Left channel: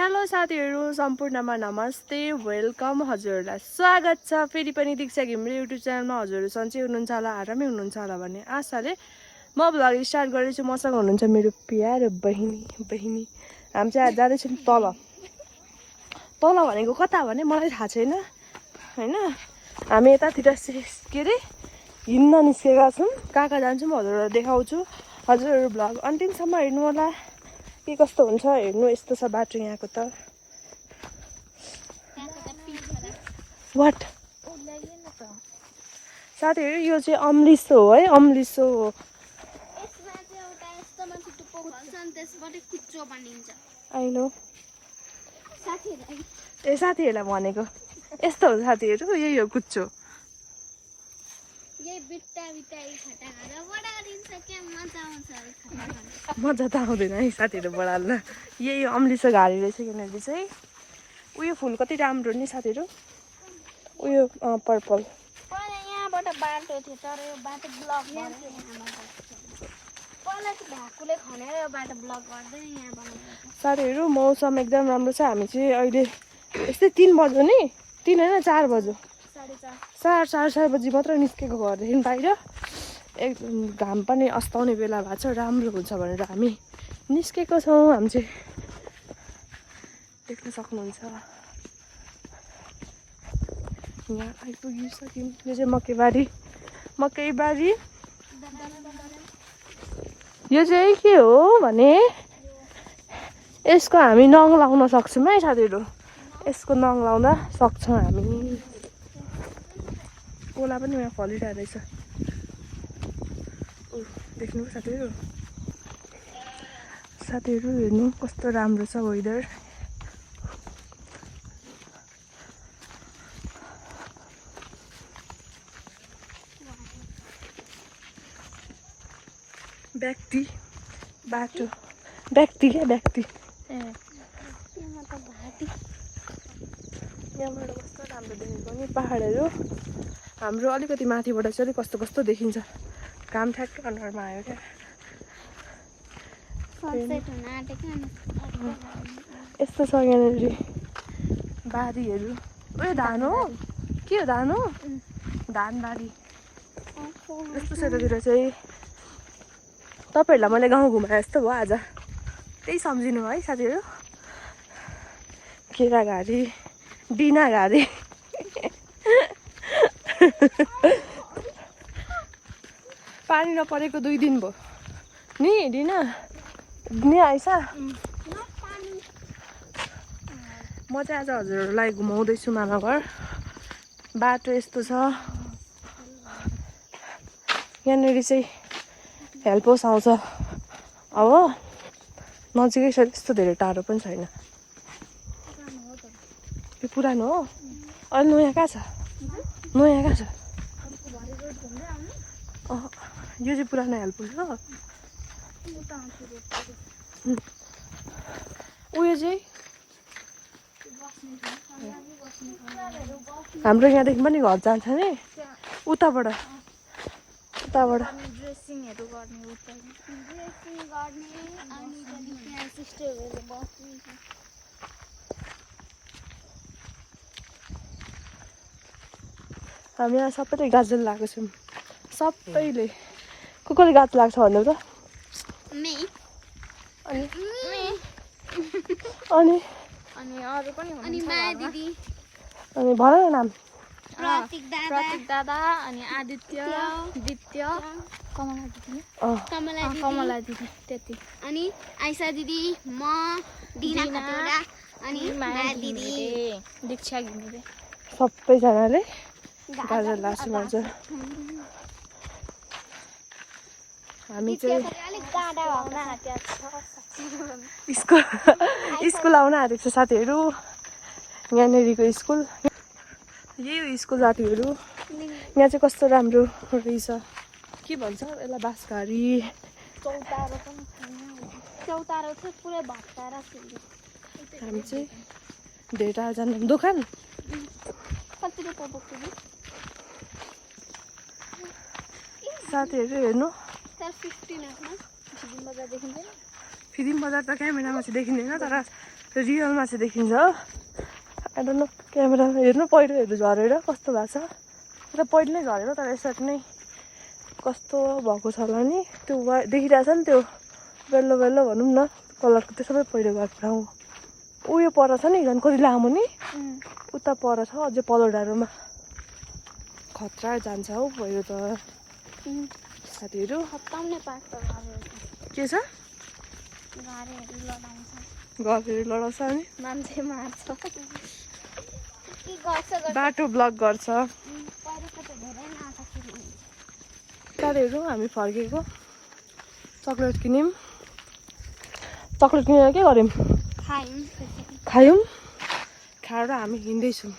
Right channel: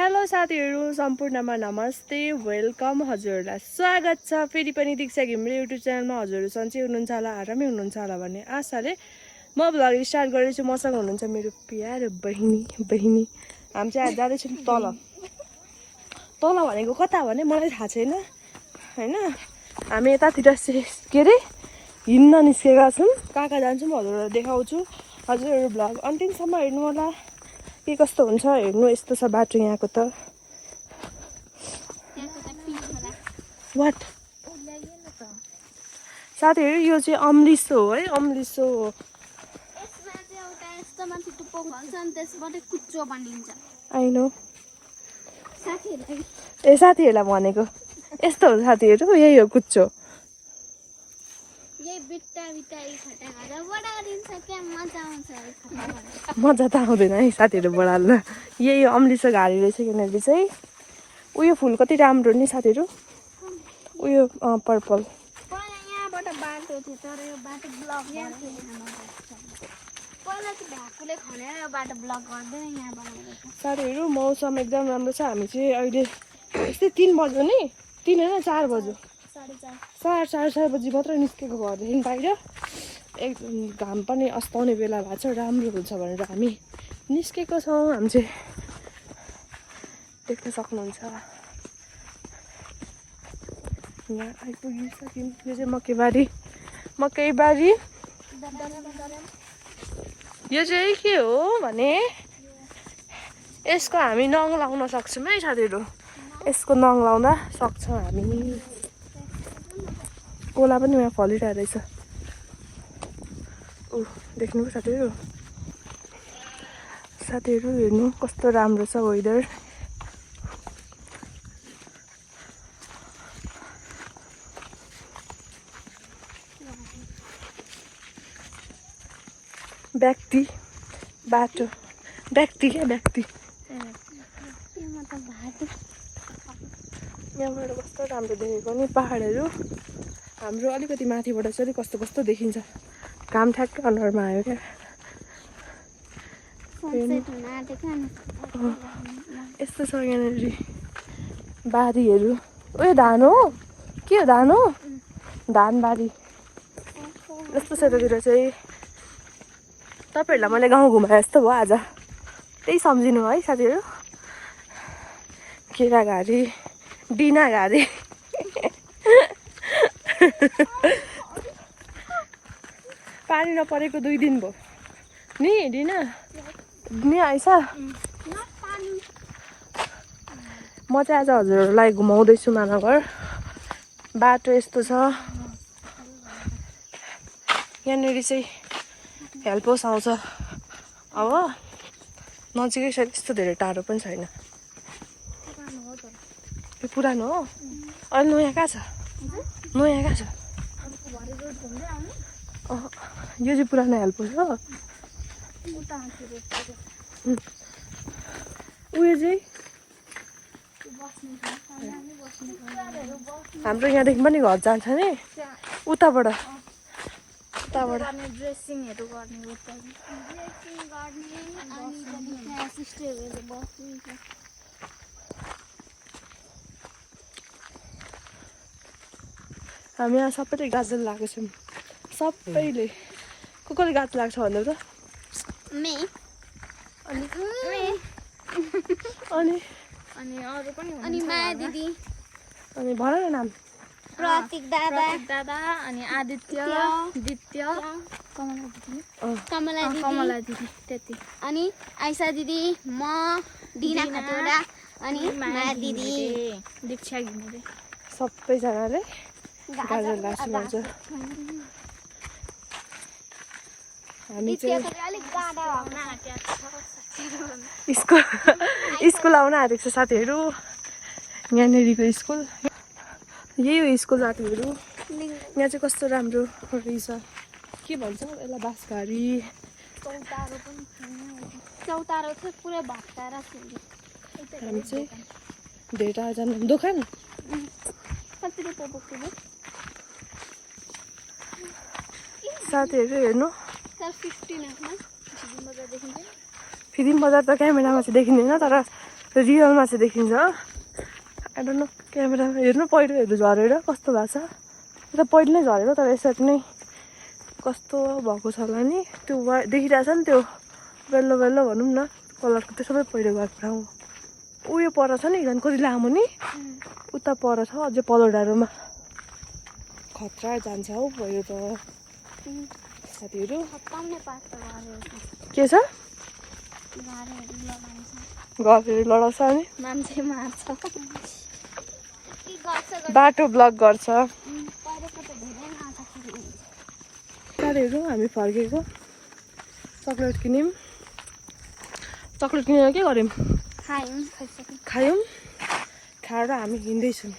Hello साथीहरु सम्पूर्णमा नमस्ते वेलकम हजुरहरुलाई स्वागत छ फेरि पनि दीक्षा घिमिरे युट्युब च्यानलमा हजुरहरु सन्चै हुनुहुन्छ होला आरामै हुनुहुन्छ होला भन्ने आशाले म भ्लग स्टार्ट गरेछु मसँग हुनुहुन्छ मेरो प्यारो बहिनी हामी चाहिँ जाँदैछौँ तल भनेको कता भने मलाई थाहा छैन हैन हामी यतातिर के रे हिँड्न निस्केका छौँ कहाँ जान्छौँ हजुरहरुलाई देखाउँछु हजुरहरु भ्लग अन्तिमसम्म हेर्नु होला के कस्तो हुन्छ हेर्नु यस्तो छ बाटो यहाँको त वाट साथीहरु यो चाहिँ अम्लिसो हो है अम्लिसो हो आइनो ए साथीहरुलाई भनेको यस्तो हो साथीहरु यही हो कुच्चो मजा त आउँदैन है साथीहरु बढाल्न यही अम्लिसो घारी रहेछ किनकि चाहिँ उयो फुल कति राम्रो नि साथीहरु उयो पर्पल साथीहरु मौसम एकदम राम्रो छ हामी चाहिँ अहिले यस्तै 3 बज्यो नि 3 हैन 4 बज्यो 4:30 बजी मात्र निस्केको घरदेखि बाहिर एकदम घाम पनि अस्ताउने बेला भएको छ राम्रो हुन्छ भनेर हामी निस्केको छौँ हामी चाहिँ देख्न सक्नुहुन्छ यहाँ आइपुगिसक्यौँ यो चाहिँ मकैबारी यो चाहिँ के हो भने यसको हामी नङ लाउन सक्छौँ है साथीहरु यसको नङ लाउँदा सक्छौँ हामी कोला पनि यहाँ फलिरहेको रहेछ देख्नु साथीहरु हेर्नु कस्तो राम्रो छ वेदर व्यक्ति बाटो व्यक्ति यहाँबाट कस्तो राम्रो देखेको नि पहाडहरू हाम्रो अलिकति माथिबाट चाहिँ कस्तो देखिन्छ काम ठ्याक्कै अनुहारमा आयो क्या यस्तो छ यहाँनिर बारीहरू उयो धान हो के हो धान हो धानबारी यस्तो छ यतातिर चाहिँ तपाईहरुलाई मैले गाउँ घुमाए जस्तो भयो आज त्यही सम्झिनु है साथीहरु केराघारी डिनाघारी पानी नपरेको 2 दिन भयो नि डिना नि आइस म चाहिँ आज हजुरहरुलाई घुमाउँदैछु मामाघर बाटो यस्तो छ यहाँनिर चाहिँ हेल्प हाउस आउँछ अब नजिकै छ त्यस्तो धेरै टाढो पनि छैन यो पुरानो हो अहिले नयाँ कहाँ छ यो चाहिँ पुरानो हेल्प हाउस हो उयो चाहिँ हाम्रो यहाँदेखि पनि घर जान्छ नि उताबाट हामी यहाँ सबैले गाजल लगाएको छौँ सबैले कसले गाज लाग्छ भन्नु त अनि माया दिदी अनि भन न नाम प्रतीक दादा अनि आदित्य दित्य कमला दिदी त्यति अनि आइसा दिदी म दिना खतिवडा अनि माया दिदी दीक्षा घिमिरे सबैजनाले गाजर लाग्छौँ आज हामी चाहिँ स्कुल आउन आँटेको छ साथीहरु यहाँनिरको स्कुल यही हो स्कुल साथीहरु यहाँ चाहिँ कस्तो राम्रो रहेछ के भन्छ यसलाई बाँसघारी हामी चाहिँ धेरै टाढा जानु दोकान साथीहरु हेर्नु फिल्म बजार त क्यामेरामा चाहिँ देखिँदैन तर रियलमा चाहिँ देखिन्छ आई डोन्ट नो क्यामेरा हेर्नु पहिरोहरू झरेर कस्तो भएको छ त पहिरो नै झरेको तर यसरी नै कस्तो भएको छ होला नि त्यो देखिरहेछ नि त्यो बेल्लो बेल्लो भनौँ न कलरको त्यो सबै पहिरो गएको ठाउँ उयो पर छ नि झन् कति लामो नि उता पर छ अझै पल्लो डाँडोमा खतरा जान्छ हौ पहिरो त साथीहरू के छ घरहरू लडाउँछ अनि बाटो ब्लक गर्छ गरेहरू हामी फर्केको चक्लेट किन्यौँ चक्लेट किनेर के गर्यौँ खायौँ खाएर हामी हिँड्दैछौँ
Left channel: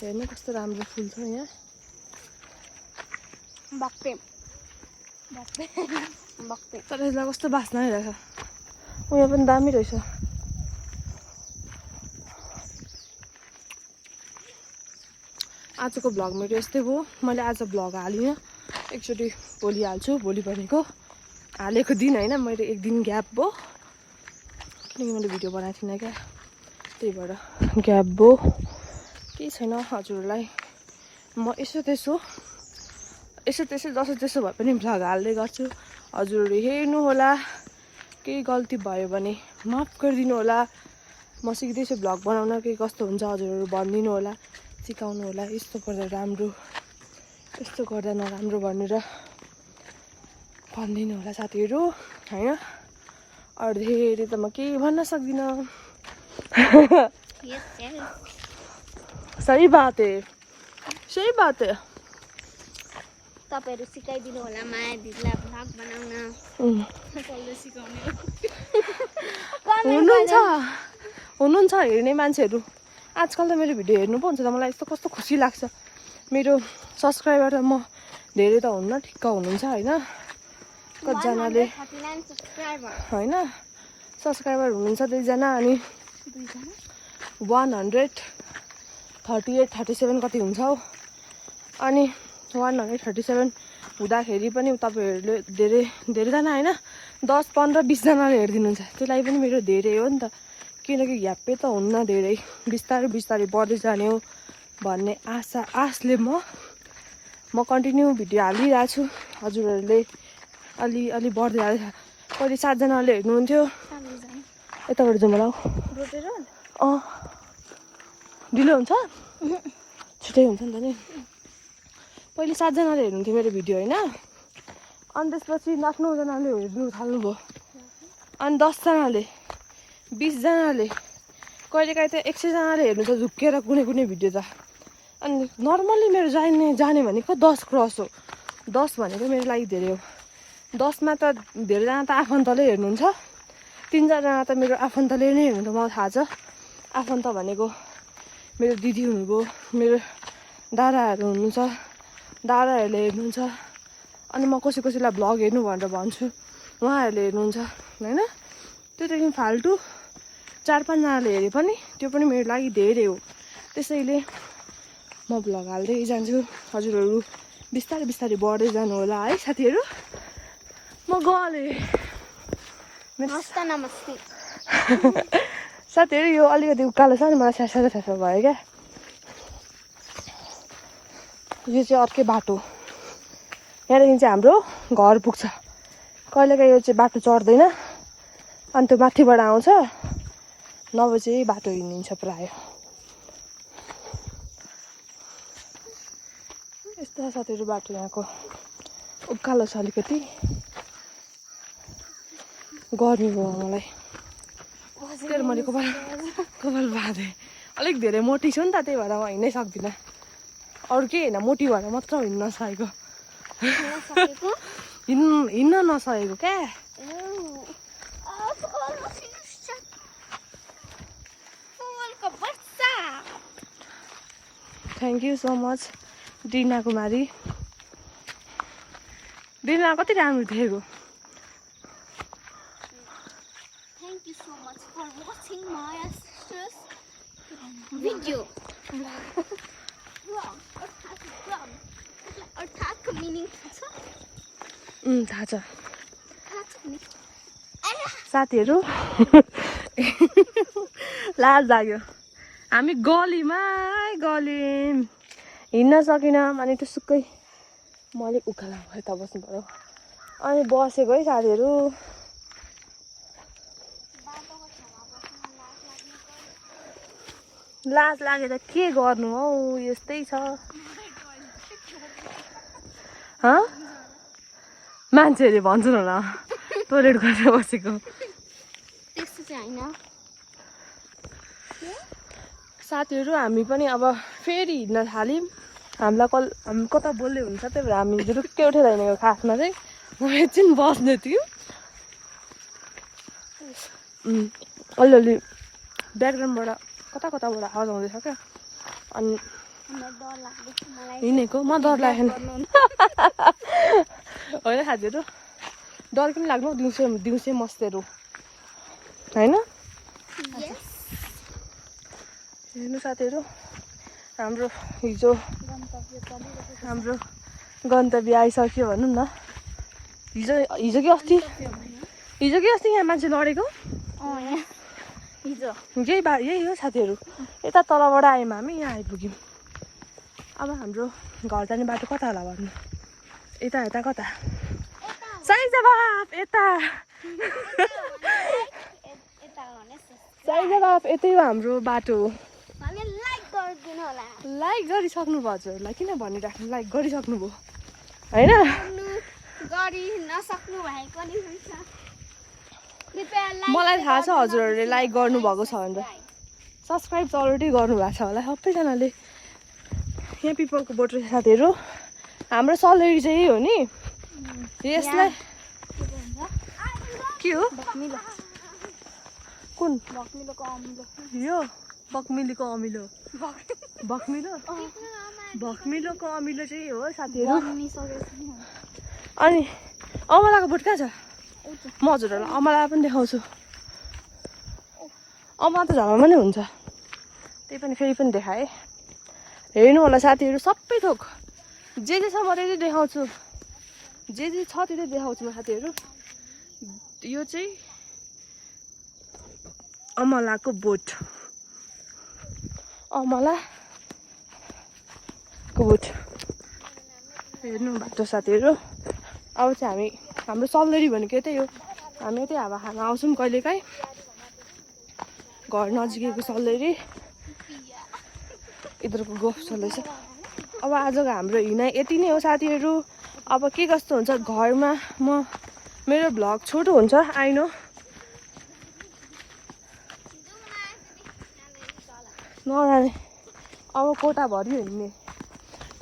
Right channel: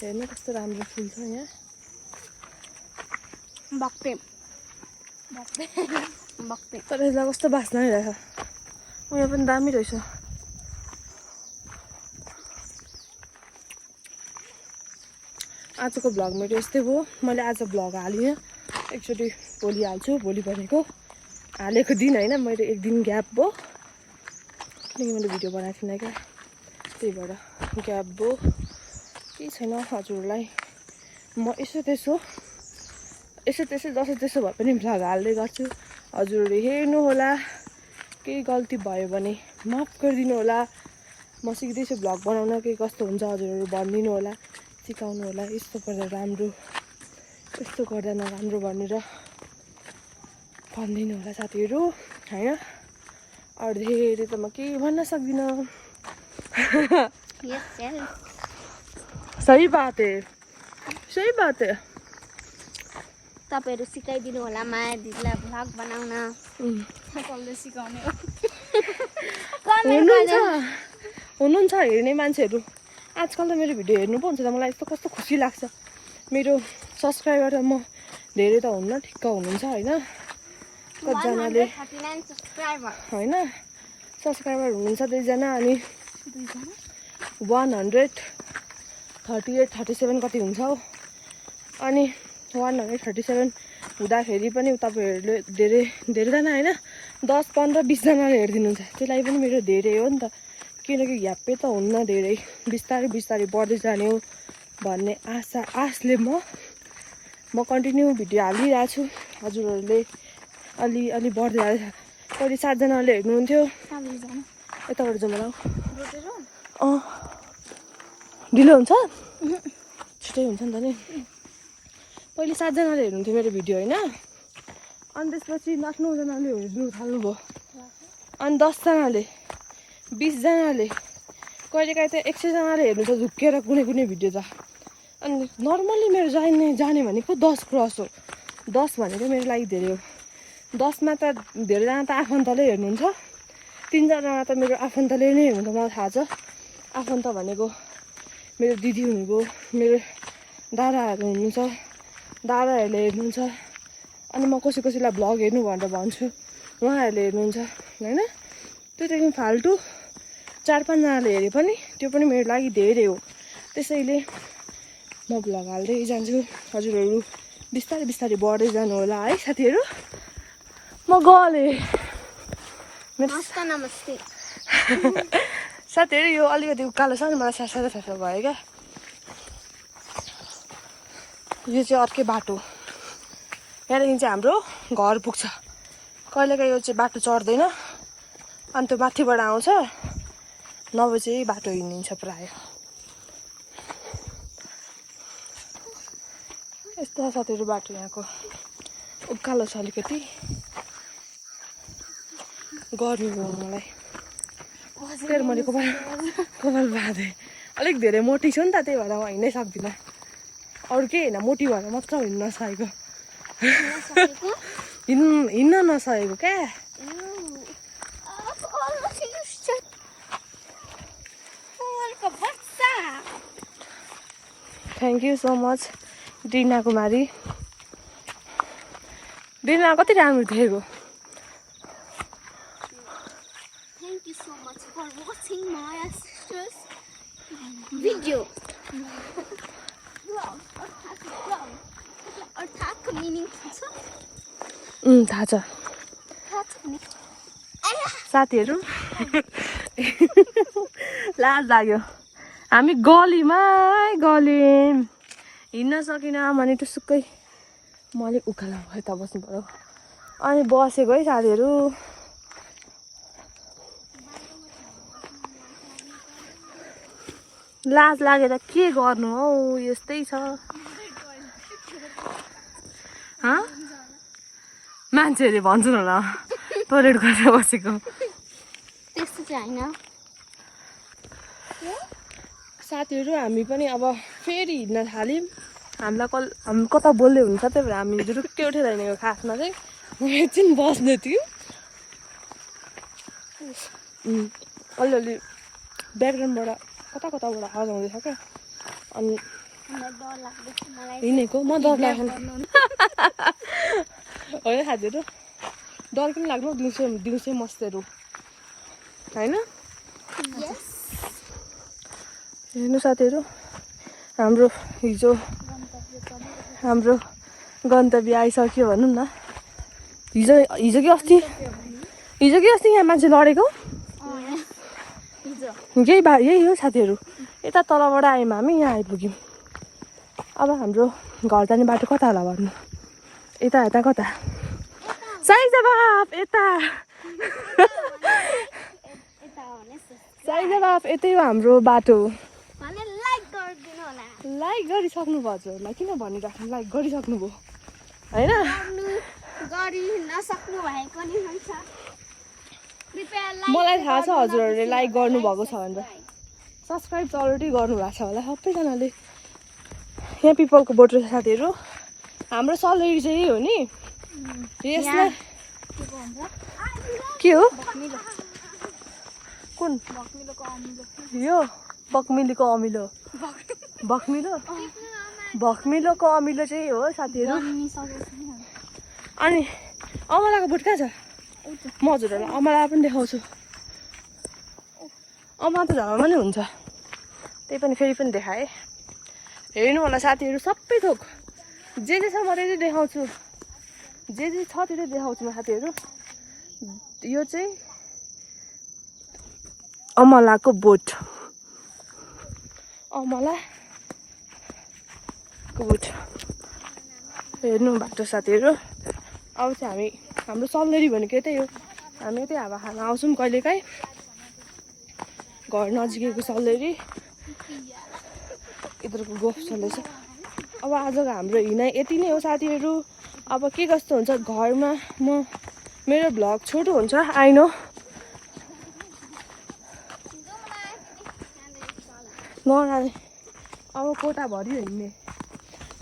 हेर्नु कस्तो राम्रो फुल छ यहाँ तर यसलाई कस्तो बास्ना आइरहेछ उयो पनि दामी रहेछ आजको भ्लग मेरो यस्तै भयो मैले आज भ्लग हालिनँ एकचोटि भोलि हाल्छु भोलि भनेको हालेको दिन होइन मैले एक दिन ग्याप भयो किनकि मैले भिडियो बनाएको थिइनँ क्या त्यही भएर ग्याप भयो केही छैन हजुरहरूलाई म यसो त्यसो जसो त्यसो भए पनि भ्लग हाल्दै गर्छु हजुरहरू हेर्नु होला केही गल्ती भयो भने माफ गरिदिनु होला म सिक्दैछु भ्लग बनाउन के कस्तो हुन्छ हजुरहरू भनिदिनु होला सिकाउनु होला यस्तो गर्दा राम्रो यस्तो गर्दा नराम्रो भनेर भनिदिनु होला साथीहरू होइन अरू धेरै त म केही भन्न सक्दिनँ सही बात है तपाईहरु सिकाइदिनु होला माया दिदीलाई भ्लग बनाउन सिकाउने हुनुहुन्छ हेर्ने मान्छेहरू आजकल त मेरो भिडियो हेर्नु पाउँछ त मलाई यस्तो कस्तो खुसी लाग्छ मेरो सब्सक्राइबर म धेरै त हुन्न ठिक्क हुनुहुन्छ होइन कतिजनाले होइन सब्सक्राइबर हुनुहुन्छ 2 जना अनि 138-37 कति हुन्छ हौ अनि 137 हुँदाखेरि पनि तपाईहरुले धेरैजना होइन 10-15-20 जनाले हेरिदिनुहुन्छ त्यसलाई पनि मेरो धेरै हो नि त किनकि ह्याप्पै त हुन्न धेरै बिस्तारै बिस्तारै बढ्दै जाने हो भन्ने आशले म कन्टिन्यू भिडियो हालिरहेको छु हजुरहरूले अलि बढ्दै हाल्छ पहिले 7 जनाले हेर्नुहुन्थ्यो यताबाट जाउँ होला ढिलो हुन्छ छिटै हुन्छ नि त नि पहिले 7 जनाले हेर्नुहुन्थ्यो मेरो भिडियो होइन अनि त्यसपछि 8-9 जनाले हेर्नु थाल्नुभयो अनि 10 जनाले 20 जनाले कहिलेकाहीँ त 100 जनाले हेर्नु त झुक्केर कुनै भिडियो त अनि नर्मल्ली मेरो जाने भनेको 10 क्रस हो 10 भनेको मेरो लागि धेरै हो 10 मा त धेरैजना त आफन्तले हेर्नुहुन्छ 3 जना त मेरो आफन्तले नै हेर्नुहुन्छ मलाई थाहा छ आफन्त भनेको मेरो दिदी हुनुभयो मेरो दादाहरू हुनुहुन्छ दादाहरूले हेर्नुहुन्छ अनि म कसैलाई भ्लग हेर्नु भनेर भन्छु उहाँहरूले हेर्नुहुन्छ होइन त्यो त फाल्टु 4-5 जनाले हेरे पनि त्यो पनि मेरो लागि धेरै हो त्यसैले म भ्लग हाल्दै जान्छु हजुरहरू बिस्तारै बिस्तारै बढ्दै जानु होला है साथीहरू म गएँ नमस्ते साथीहरू यो अलिकति उकालो छ नि मलाई स्यासा भयो क्या यो चाहिँ अर्कै बाटो यहाँदेखि चाहिँ हाम्रो घर पुग्छ कहिलेकाहीँ यो चाहिँ बाटो चढ्दैन अनि त्यो माथिबाट आउँछ नभए चाहिँ बाटो हिँडिन्छ प्राय यस्तो साथीहरू बाटो यहाँको उकालो छ अलिकति गर्मी भयो मलाई त्यही मैले कपाल बाँधेँ अलिक धेरै मोटी छु नि त त्यही भएर म हिँड्नै सक्दिनँ अरू के होइन मोटी भएर मात्र हिँड्न नसकेको हिँड्न नसकेको क्या थ्याङ्क यू सो मच दिना कुमारी दिना कति राम्रो देखेको Thank you so much for watching my sister's video. Vlog. Meaning थाहा छ I साथीहरू लाज लाग्यो हामी गलीमा गल्यौँ हिँड्न सकिनँ भने टुसुक्कै म अलिक उकालो यता बस्नु पऱ्यो अनि बसेको है साथीहरू लाज लागेर के गर्नु हौ यस्तै छ मान्छेहरूले भन्छन् होला टोइलेट गरेर बसेको त्यस्तो चाहिँ होइन साथीहरू हामी पनि अब फेरि हिँड्न थाल्यौँ हामी कता बोल्दै हुन्छ त्यही भएर हामी रुक्कै उठेर हिँडेको खासमा चाहिँ म एकछिन बस्दै थियौँ अलिअलि ब्याकग्राउन्डबाट कताबाट आवाज आउँदैछ क्या अनि हिँडेको म डर लाग्यो होइन साथीहरू डर पनि लाग्नु दिउँसै मस्तेहरू होइन हेर्नु साथीहरू हाम्रो गन्तव्य आइसक्यो भनौँ न हिजो कि अस्ति यहाँ मान्छे लडेको यही हो साथीहरू यता तलबाट आयौँ हामी यहाँ आइपुग्यौँ अब हाम्रो घर जाने बाटो कता होला भन्नु यता कता साइजबाफ यता साइजबाफ यतै हो हाम्रो बाटो लाइक गरिसक्नु भयो हजुरहरूलाई किन भनिराख्नु लाइक गरिसक्नु भयो होइन मलाई थाहा छ हजुरहरूले लाइक गर्नुभएको छ भनेर सब्सक्राइब त अलरेडी गर्नुभएको छ होला सबैजनाले यहाँ पिपलको बोट रहेछ साथीहरू हाम्रो सलेरी चाहिँ यही हो नि यसलाई के हो कुन यो बकमिलोको अमिलो भक्मिलोको अमिलो चाहिँ हो साथीहरू अनि अमलाको बोट कहाँ छ म हजुरहरूलाई अमला पनि देखाउँछु अमला त झ्यालमा नै हुन्छ त्यही पनि फेरि पनि देखाएँ हेर्नु होला साथीहरू सबै थोक जे छ म त्यही देखाउँछु जे छ त्यो देखाउँछु म साथीहरू यो चाहिँ अमलाको बोट हेर्नु बाटो साथीहरू अब चाहिँ हाम्रो सल्लेरी भनेको यतै हो हामी यतै हावा खान आउँछौँ कहिलेकाहीँ घर नजिकैको सल्लेरी यिनीहरूको गफ चल्दैछ अब आजको हाम्रो हिँडाइ यति नै हो साथीहरू अब के कस्तो हुन्छ घरमा मेरो भ्लग छोटो हुन्छ आइनो नगाने अब कोटाभरि हिँड्ने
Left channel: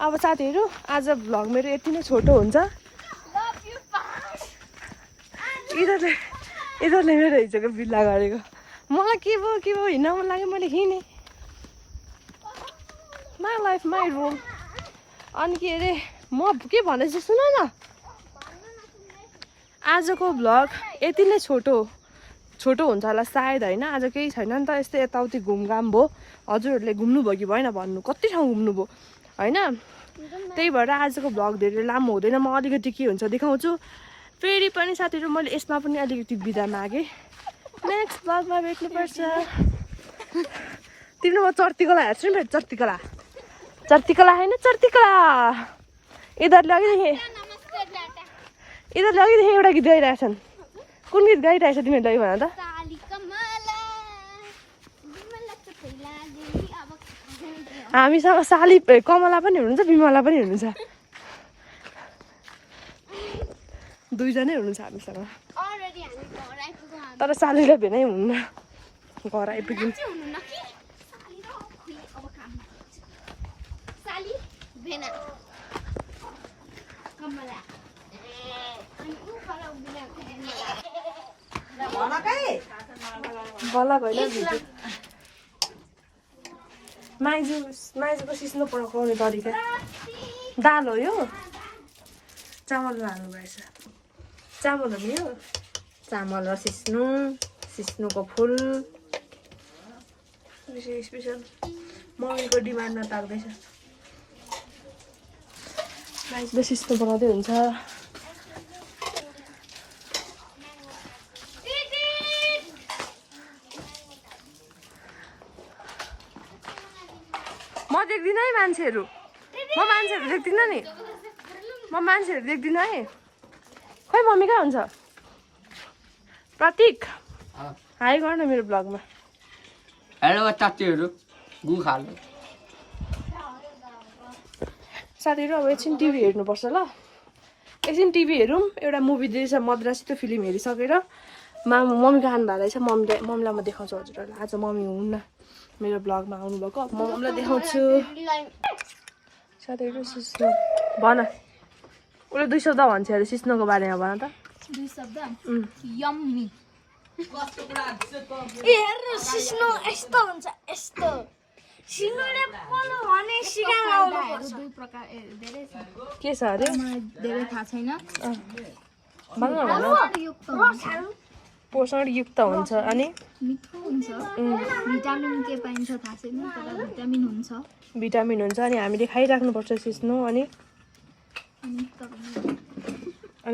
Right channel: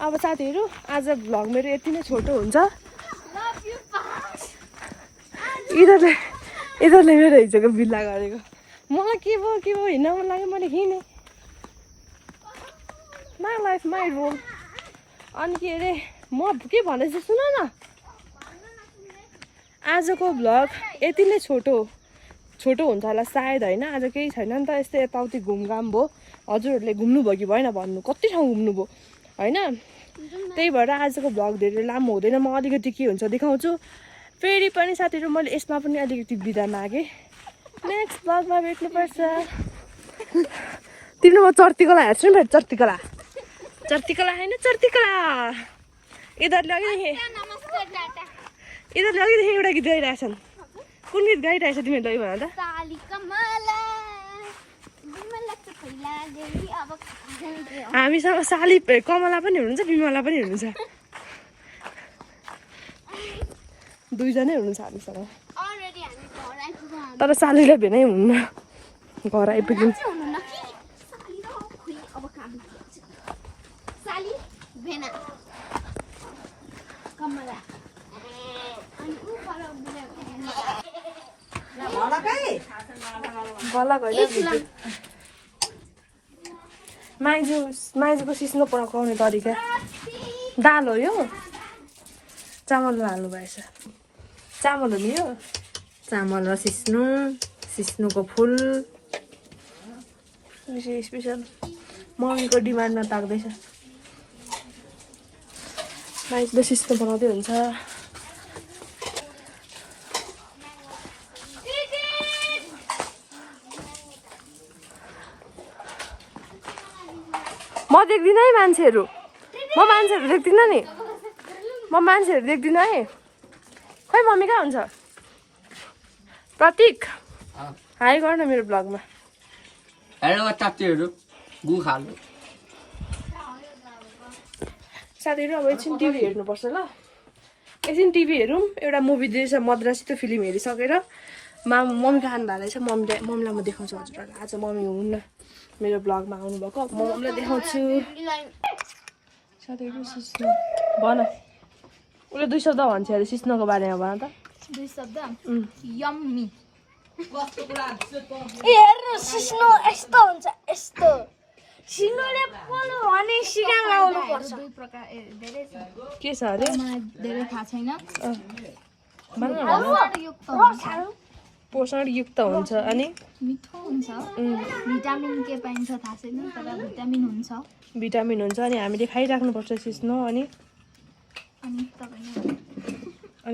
अब साथीहरू आज भ्लग मेरो यति नै छोटो हुन्छ यिनीहरूले मेरो हिजोको बिल्ला गरेको मलाई के भयो हिँड्न मन लाग्यो मैले हिँडेँ माई लाइफ माई रोल अनि के अरे म के भन्दैछु सुन न आजको भ्लग यति नै छोटो हुन्छ होला सायद होइन आज केही छैन नि त यस्तै यताउति घुमघाम भयो हजुरहरूले घुम्नुभयो कि भएन भन्नु कति ठाउँ घुम्नुभयो होइन त्यही भएर आजको भ्लग धेरै लामो हुँदैन म अलिकति के हुन्छ देखाउँछु फेरि पनि साथीहरू मैले यसमा पनि अलिकति बिदा मागेँ नेक्स्ट भ्लगमा भेट्नुपर्छ तिम्रो म चर्तीकला हेर्छु नि फेरि चर्तीकला होइन चर्तीकला यिनीहरूले अघिदेखि एउटा गीत गाइरहेछन् कुन गीत गाइरहेछ तिमीहरूले भन त हामीसँग साली कमला पनि हुनुहुन्छ विमला पनि हुनुहुन्छ दुईजनै हुनुहुन्छ हामीसँग तर सालीलाई भेनै हुन्न घर आइपुग्यौँ बल्ल गइल भिडियो माइजूको सिस्नो पकाउने तरिका दाल हो यो चामल हाल्नु भएछ चामल हो नि यो चामल र सिस्नुको फुल स्पेसल मम्मीको डिमान्डमा पाक्दैछ माइजले सिस्नो बनाउँदै हुन्छ म देख्दिनँ है मान्छेहरू म मान्छेहरू देख्दिनँ नि म मान्छेहरू देख्दिनँ है खै मम्मी कहाँ हुन्छ प्रतीक हाई गर न मेरो ब्लगमा हेलो चाचीहरू गु खानु साथीहरू अब एकछिन टिभी हेर्नुपर्छ ल एकछिन टिभी हेरौँ एउटा मुभी दिएछ मद्रासी त्यो फिल्म हेरिसकेर मम्मी खानु भएको रहेछ मम्मीलाई म देखाउँछु हजुरहरूलाई आज मम्मी हुन्न मेरो ब्लगमा आउनुभएको म मम्मीलाई देखाउँछु साथीहरू सिस्नो भन उसले 2 शब्द भन्छ अरे सिस्नोको बारेमा भन त 2 शब्द यम्मी हेर्नु सिस्नो यस्तो हुन्छ यस्तो सिस्नोले पोलो भने सिगार लाउनु पर्छ 2 प्रकार धेरै छ के छ अरे धेरै थाहा छैन भन न पोषणयुक्त हुन्छ अनि मिठो हुन्छ भिटामिन के पाइन्छ थाहा छैन तर भिटामिन हुन्छ अनि हामीले खाइराख्नुपर्छ सिस्नो अनि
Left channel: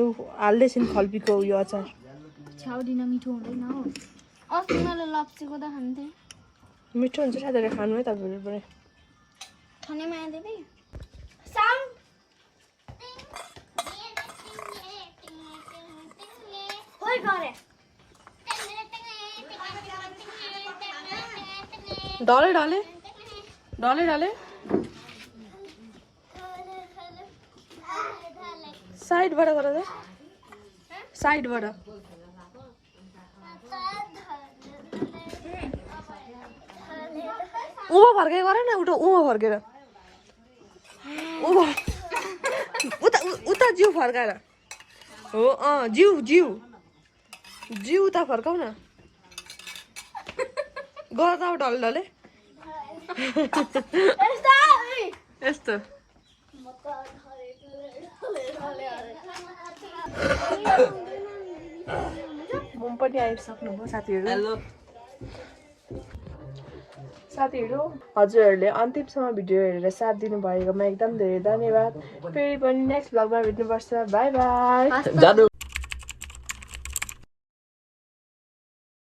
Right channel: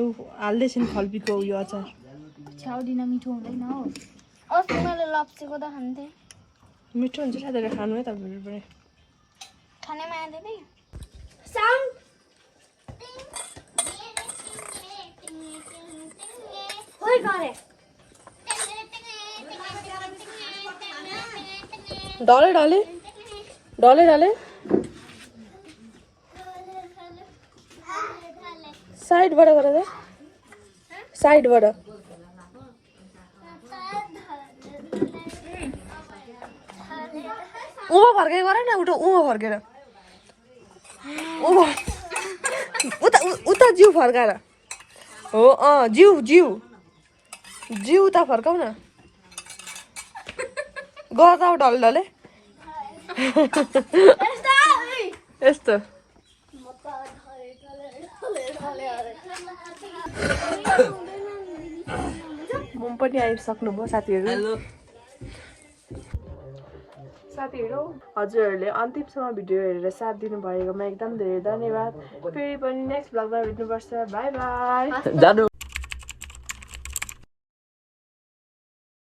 ऊ हाल्दैछन् खल्पीको उयो अचार छ्याउदिन मिठो हुँदैन हो अस्ति मैले लप्चीको त खान्थेँ मिठो हुन्छ साथीहरू खानु है तपाईँहरू पनि खाने माया दिदी डले साइडबाट गर त साइडबाट उँभो फर्केर गर न उँभो फर्केर उँभो उता जिउ फर्काएर हो जिउ उता फर्काउ न गर त अब डले यस्तो पनि आइसक्नुभयो साथीहरू हजुरहरूले अन्तिमसम्म भिडियो हेरेर साथ दिनुभएकोमा एकदम धेरै धन्यवाद फेरि पनि नेक्स्ट भ्लगमा भेट्नुपर्छ बाई बाई